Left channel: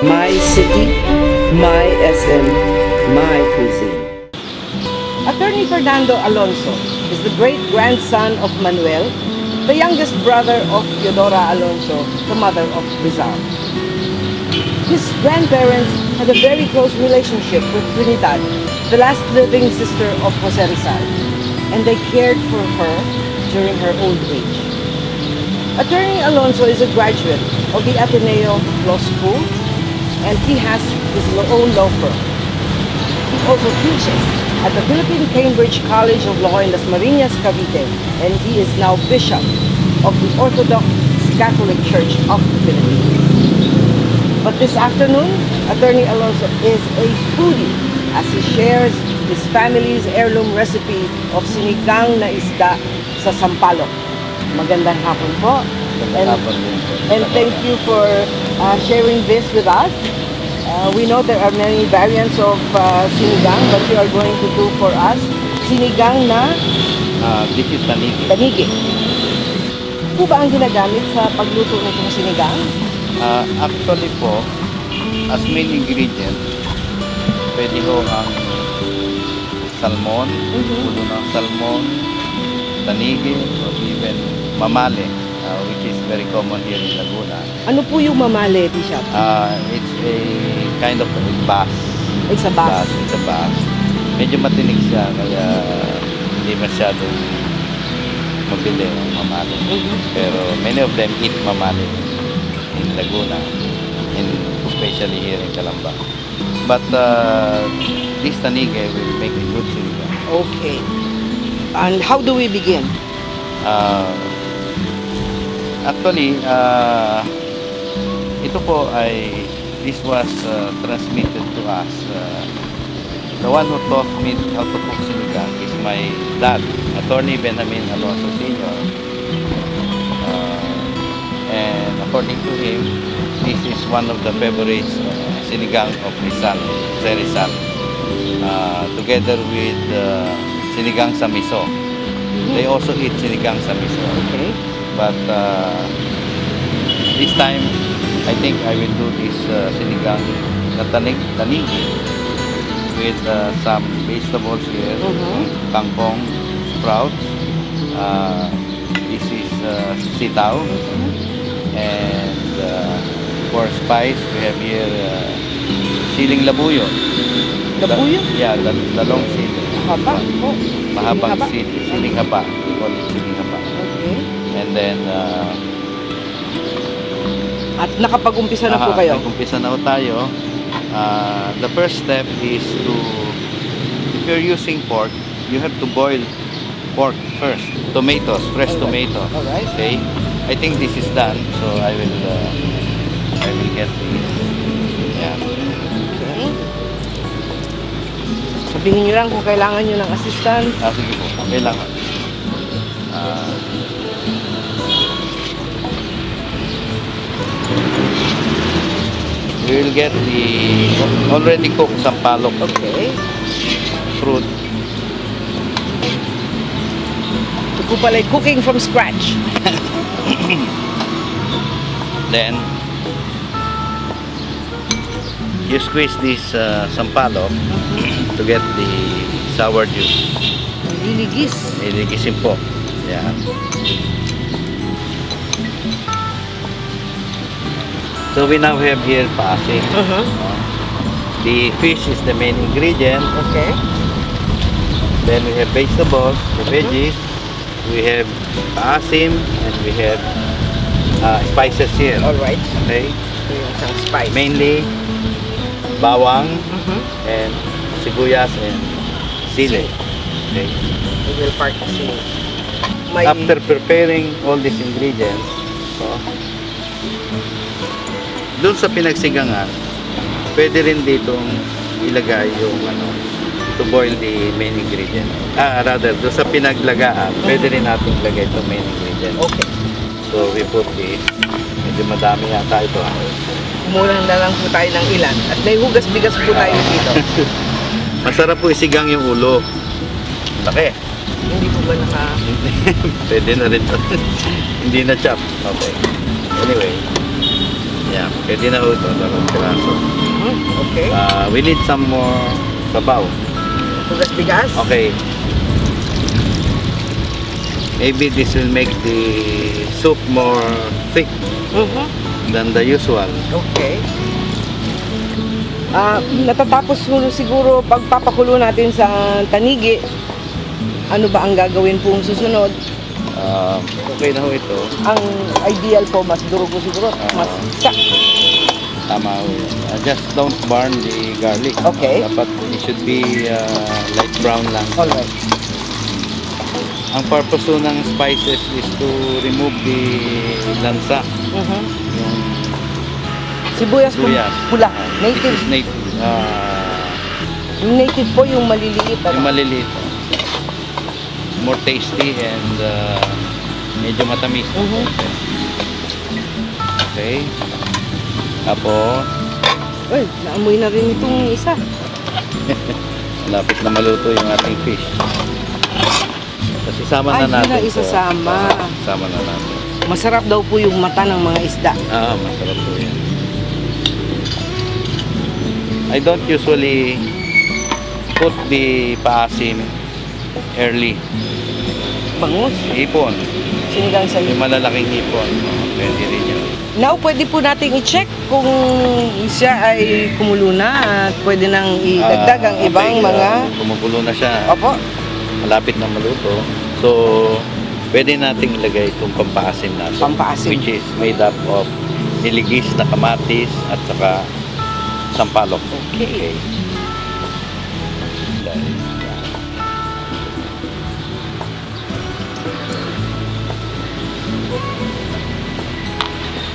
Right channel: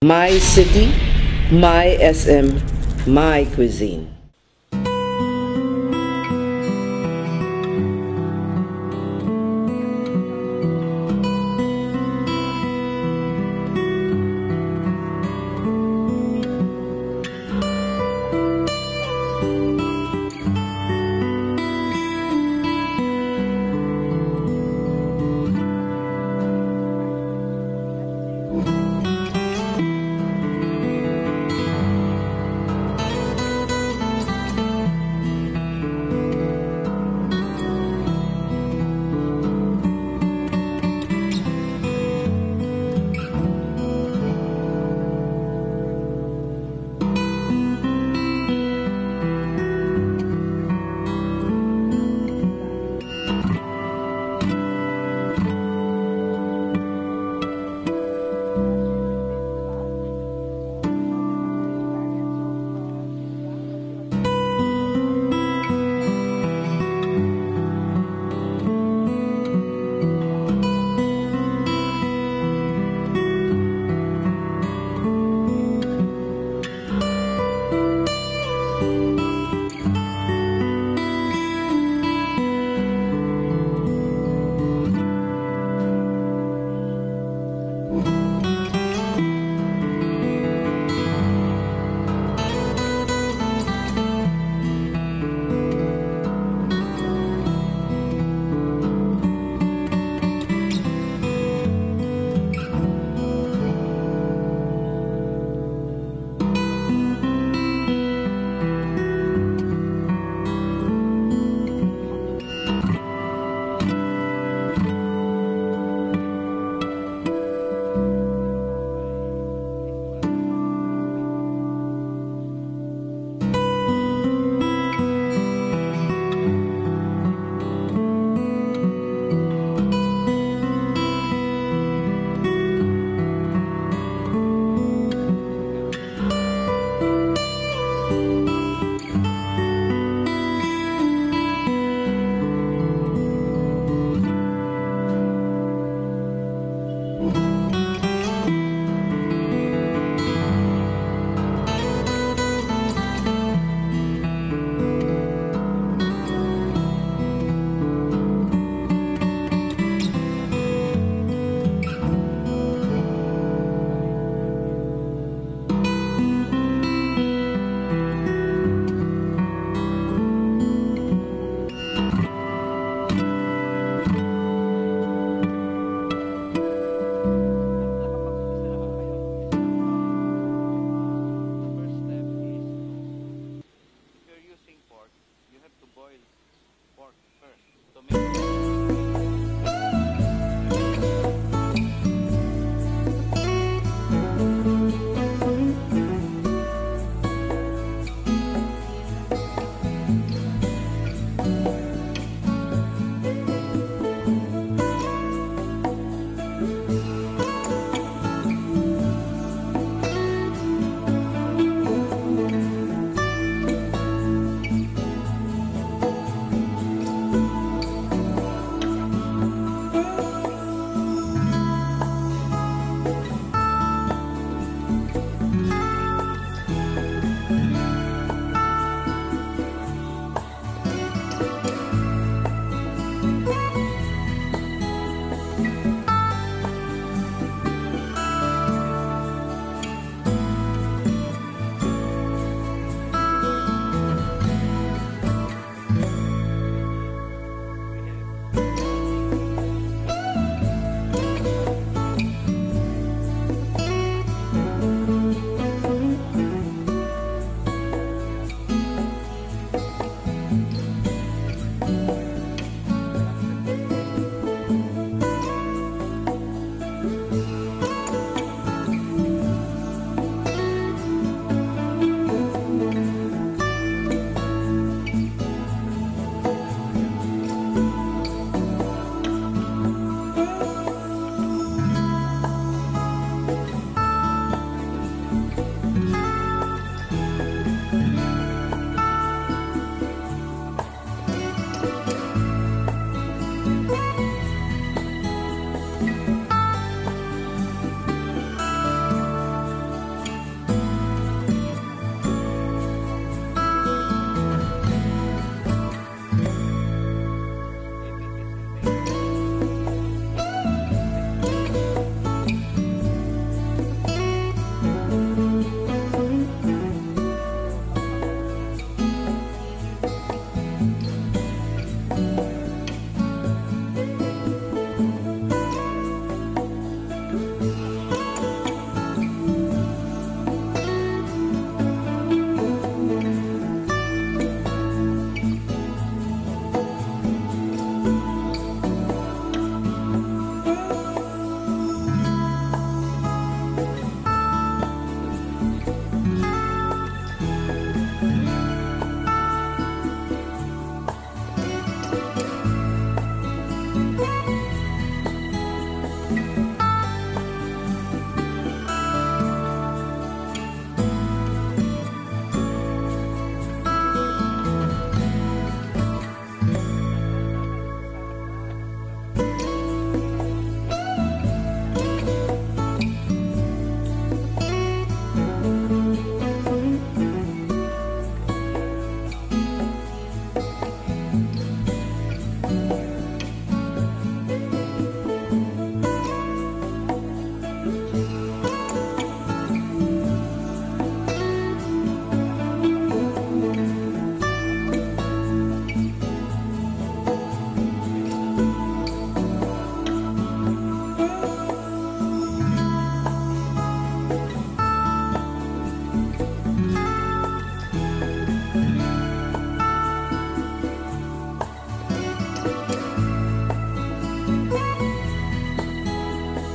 My city, my SM, my cuisine. Attorney Fernando Alonso is the great-grandson of Manuel, the youngest brother of Teodora Alonso, the mother of Rizal. His grandparents had a very close relationship with Trinidad, the last living sister of Jose Rizal, and they cared for her during her old age. Attorney Alonso is a graduate of the Ateneo Law School, and he has his own law firm. He also teaches at the Philippine Cambridge College of Law in Las Marinas, Cavite, and he is now Bishop of the Orthodox Catholic Church of the Philippines. But this afternoon, Attorney Alonso is a foodie as he shares his family's heirloom recipe of sinigang na isda sa sampalok. Magandang hapon po. And thank you for sharing this with us. We know there are many variants of sinigang, but you are going to do for us sinigang na this is tanigi. tanigi. Ano ba ang ginagamit sa pagluto ng itong sinigang? Actually po, as main ingredient, pwede ho ang salmon, puno ng salmon, tanigi, or even mamale, which is very common here in Laguna. Ano po yung mamale, Bishop? It's a kind of a bass. It's a bass. It's a bass. Medyo matinig siya, kaya hindi masyado mabili ang mamale. Pero many of them eat mamale in Laguna, especially here in Calamba. But this tanigi will make it good sinigang. Okay. And how do we begin? Actually, ito po ay, this was transmitted to us. The one who taught me how to cook sinigang is my dad, Attorney Benjamin Alonso Sr. And according to him, this is one of the favorites sinigang of his son, Jose Rizal, together with sinigang sa miso. They also eat sinigang sa miso. Okay. But this time, I think I will do this sinigang na tanigi with some vegetables here, kangkong, sprouts. This is sitaw, and for spice we have here siling labuyo. Labuyo? Yeah, the long siling. Haba? Oh. Mahabang Haba? siling haba. We call it siling haba. And then At nakapag-umpisa na po kayo? Nag-umpisa na po tayo. The first step is to, if you're using pork, you have to boil pork first. Tomatoes, fresh tomato. Alright. Okay? I think this is done, so I will get this. Yeah. Okay. Sabihin nyo lang kung kailangan nyo ng assistant. Sige po, kailangan. We will get the already cooked sampalok. Okay. Fruit. Ito po pala cooking from scratch. Then you squeeze this sampalok to get the sour juice. Iligis. Iligisin po. Yeah. So we now have here paasim. The fish is the main ingredient. Okay. Then we have vegetables, the veggies. We have paasim, and we have spices here. Alright. Okay. Some spice. Mainly bawang and sibuyas and sili. Okay. We will part the may After preparing all these ingredients, so, doon sa pinagsigangan, pwede rin dito ilagay yung to boil the main ingredient. Rather, doon sa pinaglagaan, pwede rin natin ilagay ito main ingredient. Okay. So we put this. Medyo madami yata ito. Kumulang na lang po tayo ng ilan. At may hugas-bigas po tayo dito. Masarap po isigang yung ulo. Laki. Hindi po ba naka... Pwede na rin. Hindi na chop. Okay. Anyway. Yeah, pwede na ho ito. Dalawang piraso. Okay. We need some more sabaw. Tugas bigas? Okay. Maybe this will make the soup more thick than the usual. Okay. Natatapos siguro pagpapakulo natin sa tanigi. Ano ba ang gagawin pong susunod? Okay na ho ito. Ang ideal po, mas durugo siguro. Mas sak. Tama ho. Just don't burn the garlic. Okay. But it should be light brown lang. Alright. Ang purpose ho ng spices is to remove the lansa. Sibuyas po, Sibuyas. pula. Native. Yung native po yung maliliit. Yung maliliit. More tasty and medyo matamis. Okay. Tapos, Well, naamoy na rin itong isa. lapit na maluto yung ating fish. Tapos isama na Ay, natin. na isasama. Isama na natin. Masarap daw po yung mata ng mga isda. Masarap po yan. I don't usually put the paasim early. Bangus. Hipon. Sinigang sa Yung malalaking hipon. Pwede rin yan. Now, pwede po nating i-check kung siya ay kumulo na at pwede nang idagdag ang ibang mga... Kumukulo na siya. Opo. Malapit na maluto. So, pwede nating ilagay itong pampaasim natin. Pampaasim. Which is made up of niligis na kamatis at saka sampalok. Okay.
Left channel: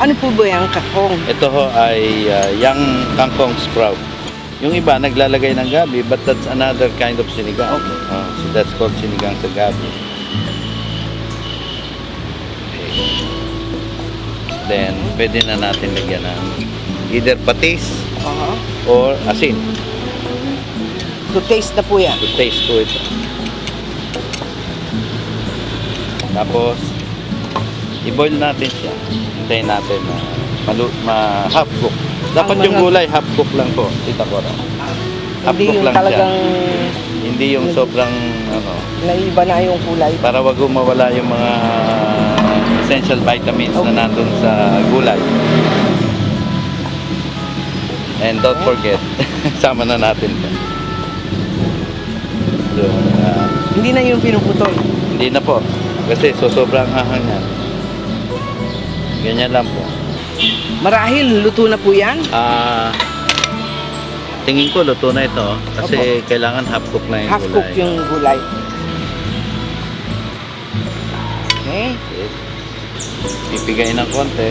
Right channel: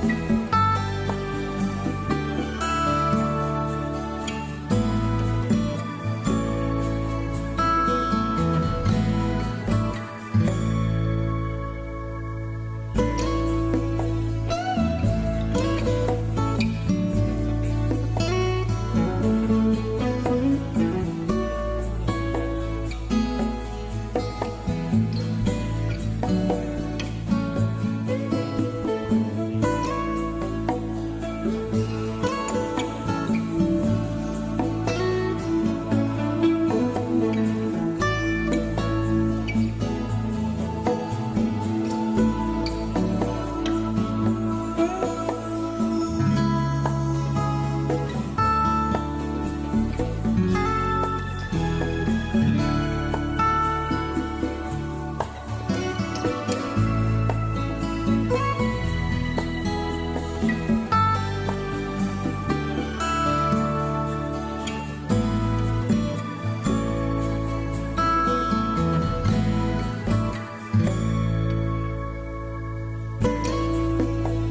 Ano po ba yung kakong? Ito ho ay young kangkong sprout. Yung iba naglalagay ng gabi, but that's another kind of sinigang. So that's called sinigang sa gabi. Okay. Then, pwede na natin lagyan ng either patis or asin. To taste na po yan. To taste po ito. Tapos, i-boil natin siya. Hintayin natin na half cook. Dapat yung gulay half cook lang po. Tita ko rin. Half Hindi cook yung lang siya. talagang Hindi yung sobrang naiba na yung kulay. para wag mawala yung mga essential vitamins na nandun sa gulay. And don't forget, sama na natin ito. So, Hindi na yung pinuputol. hindi na po. Kasi sobrang ahang yan. Ganyan lang po. Marahil, luto na po yan. Tingin ko luto na ito. Kasi kailangan half cook na yung Half cook gulay. yung gulay. Okay. Ibigay ng konti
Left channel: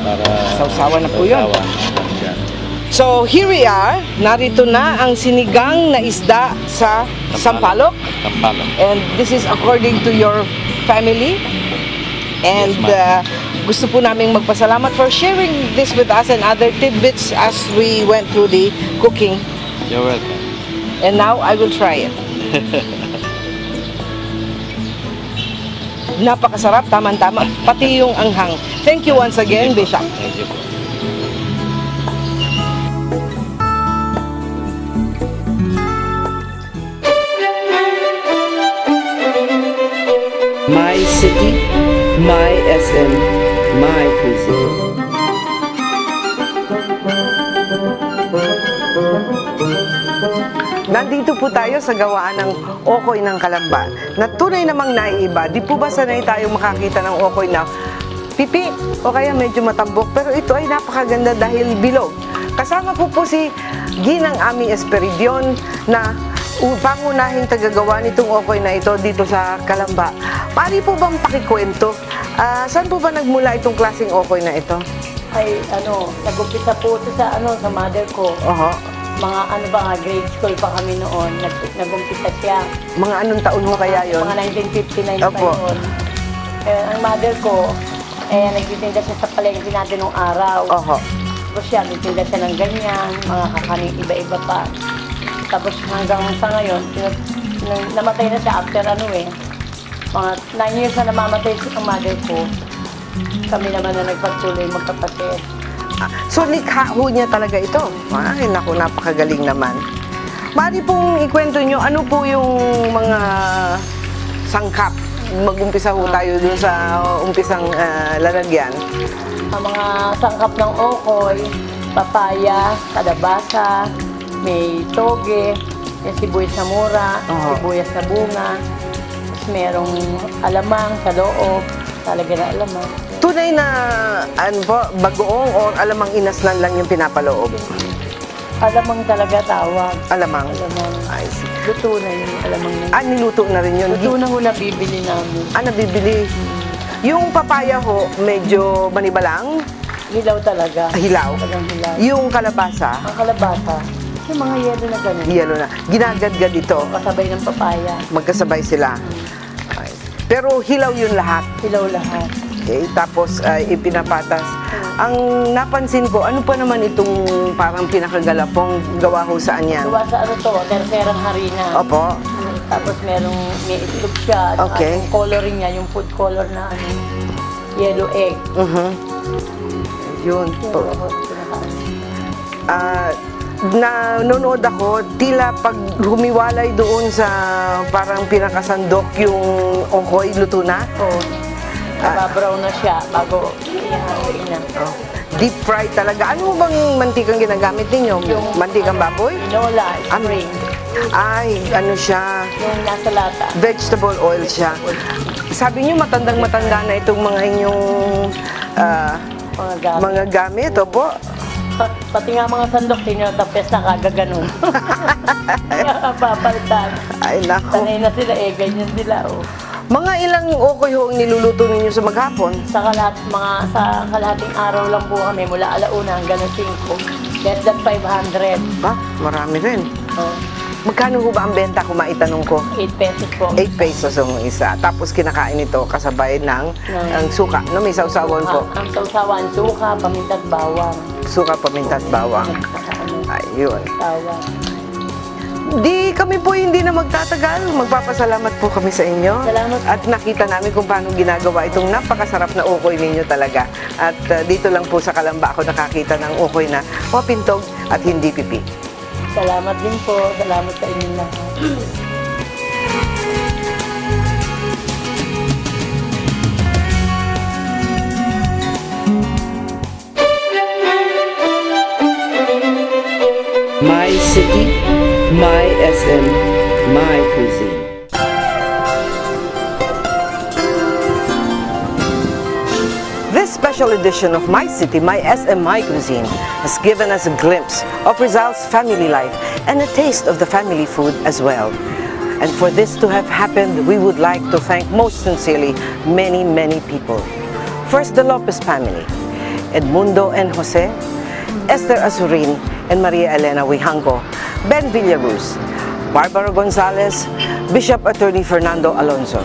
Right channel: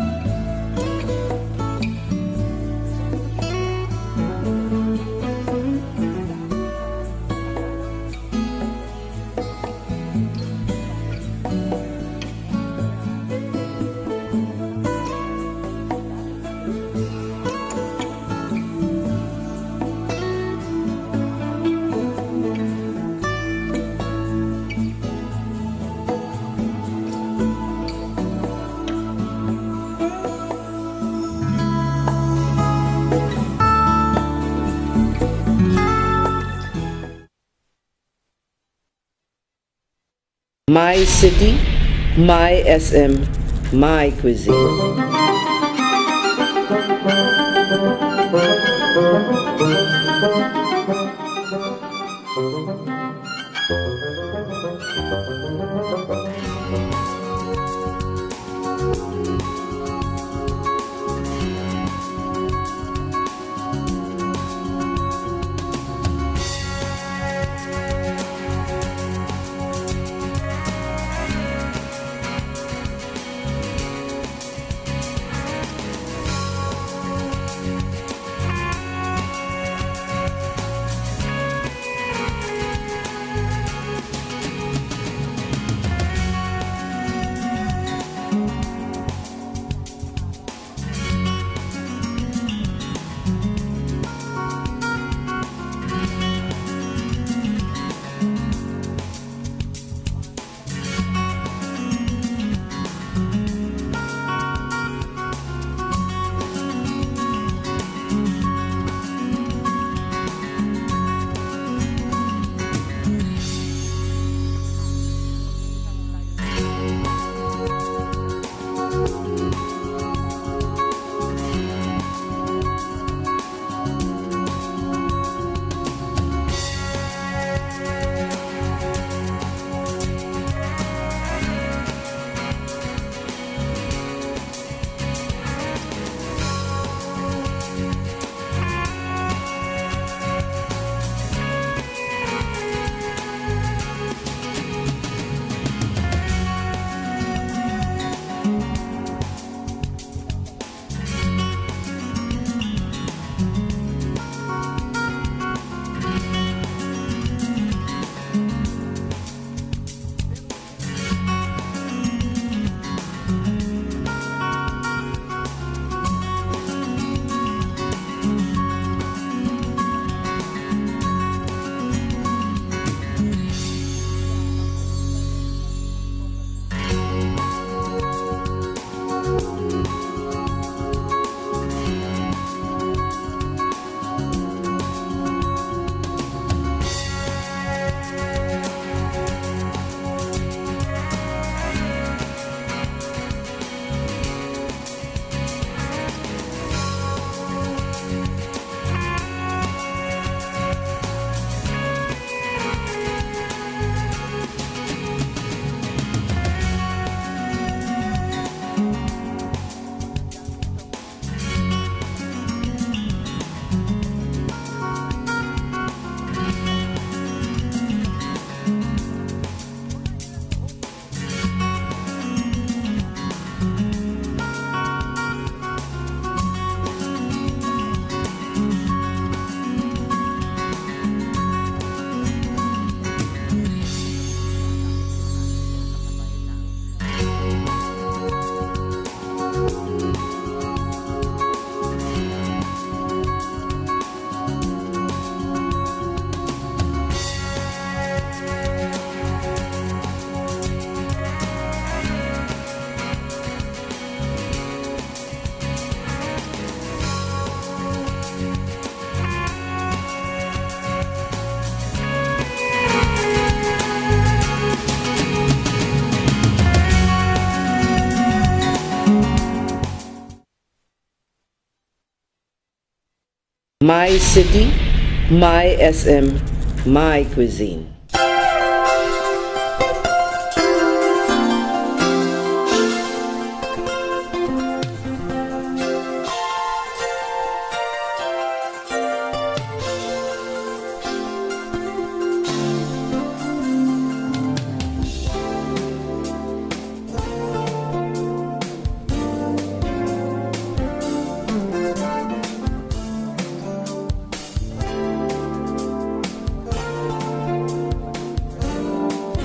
para Sausawan na po yun. sausawan. Yan. So, here we are. Narito na ang sinigang na isda sa Sampalok. Sampalok. And this is according to your family. And Yes, gusto po naming magpasalamat for sharing this with us and other tidbits as we went through the cooking. You're welcome. And now, I will try it. Napakasarap, tama-tama. Pati yung anghang. Thank you once again, Bishop. Thank you po. My city, my SM, my cuisine. Nandito po tayo sa gawaan ng okoy ng Kalamba na tunay namang naiiba. Di po ba sanay tayo makakita ng okoy na pipi o kaya medyo matambok, pero ito ay napakaganda dahil bilog. Kasama po si Ginang Ami Esperidion na pangunahing tagagawa nitong okoy na ito dito sa Kalamba. Paano po bang pakikwento? Saan po ba nagmula itong klaseng okoy na ito? Ay, nag-umpisa po sa mother ko. Mga grade school pa kami noon. Nag-umpisa siya. Mga anong taon mo kaya yon? Mga 1959 Opo. pa yun. Ang mother ko, nagtitinda siya sa palengke natin nung araw. Tapos siya, nagtitinda siya ng ganyan, mga kakanin iba-iba pa. Tapos hanggang sa ngayon, namatay na siya after mga 9 years na namamatay ang mother ko. Kami naman na nagpagtuloy magkapatid. So, likha ho niya talaga ito. Ay, naku, napakagaling naman. Mari pong ikwento nyo, ano po yung mga sangkap? Mag-umpisa ho tayo dun sa umpisang lalagyan. Ang mga sangkap ng okoy, papaya, kalabasa, may toge, may sibuyas na mura, sibuyas na bunga, merong alamang sa loob, talaga na alamang. Tunay na, ano po, bagoong o alamang inaslan lang yung pinapaloob? Alamang talaga tawag. Alamang. Alamang. Ay, Luto na yun, alamang yun. niluto na rin yun. Luto na ho na bibili namin. Nabibili. Yung papaya ho, medyo manibalang, Hilaw talaga. hilaw. Talagang hilaw. Yung kalabasa, Ang kalabasa, yung mga yelo na gano'n. yelo na. Ginagadgad ito. Kasabay ng papaya. Magkasabay sila. Ay. Pero hilaw yun lahat. Hilaw lahat. Okay? Tapos ipinapatas. Ang napansin ko, ano pa naman itong parang pinakagalapong gawa ho saan yan? Gawa sa ano to, tercerang harina. Opo. Tapos may itlog siya. Okay. Yung coloring niya, yung food color na yellow egg. Yun. Nanonood ako, tila pag humiwalay doon sa parang pinakasandok yung okoy, luto na. Oo. Nababrown na siya bago na. Deep fry talaga. Ano bang mantikang ginagamit ninyo? Yung Mantikang baboy? Nola, Ano? spring. Ay, ano siya? Yung nasa lata. Vegetable oil siya. Sabi niyo matandang-matanda na itong mga inyong Mga gamit. mga gamit, opo. Pati nga mga sandok, tinatapes na kagaganon. Papalitan. Ay, nako. Sanay na sila ganyan sila. Oh. Mga ilang okoy ho ang niluluto ninyo sa maghapon? Sa kalahating araw lang po kami, mula alauna hanggang 5. Less than 500. Ba, marami rin. Oh, Magkano ho ba ang benta kung maitanong ko? 8 pesos po. 8 pesos ang isa. Tapos kinakain ito kasabay ng ang suka. No, may sausawan po. Ang sausawan, suka, pamintan, bawang. Suka, paminta at bawang. Ayun. Bawang. Di kami po hindi na magtatagal. Magpapasalamat po kami sa inyo. Salamat. At nakita namin kung paano ginagawa itong napakasarap na ukoy ninyo talaga. At dito lang po sa Kalamba ako nakakita ng ukoy na mapintog at hindi pipi. Salamat din po. Salamat sa inyo lahat. My city, my SM, my cuisine. This special edition of My City, My SM, My Cuisine has given us a glimpse of Rizal's family life and a taste of the family food as well. And for this to have happened, we would like to thank most sincerely many, many people. First, the Lopez family, Edmundo and Jose, Esther Azurin, and Maria Elena Wihanco, Ben Villaruz, Barbara Gonzalez, Bishop Attorney Fernando Alonso.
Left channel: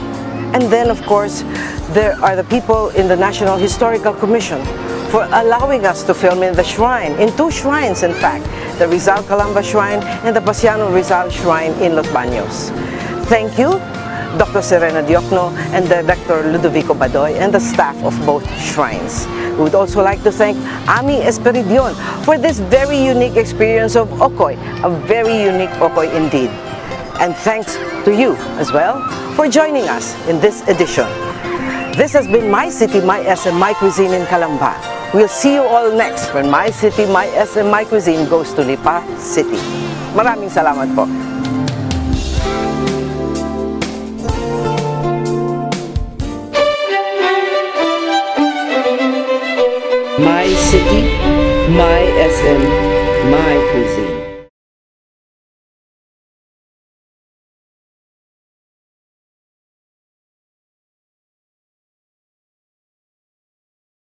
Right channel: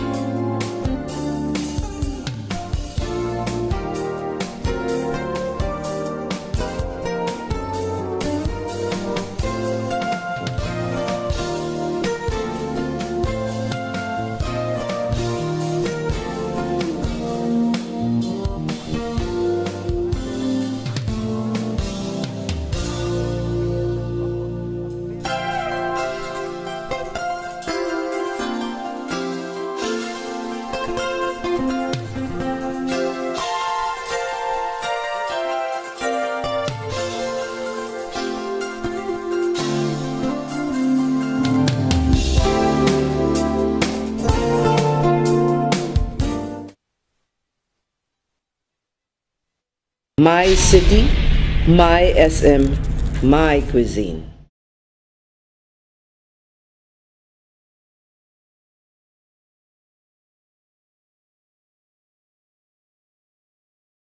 And then, of course, there are the people in the National Historical Commission for allowing us to film in the shrine, in 2 shrines in fact, the Rizal Calamba Shrine and the Basiano Rizal Shrine in Los Baños. Thank you, Dr. Serena Diokno and Dr. Ludovico Badoy and the staff of both shrines. We would also like to thank Ami Esperidion for this very unique experience of Okoy, a very unique Okoy indeed. And thanks to you as well for joining us in this edition. This has been My City, My SM, My Cuisine in Calamba. We'll see you all next when My City, My SM, My Cuisine goes to Lipa City. Maraming salamat po. My City, My SM, My Cuisine.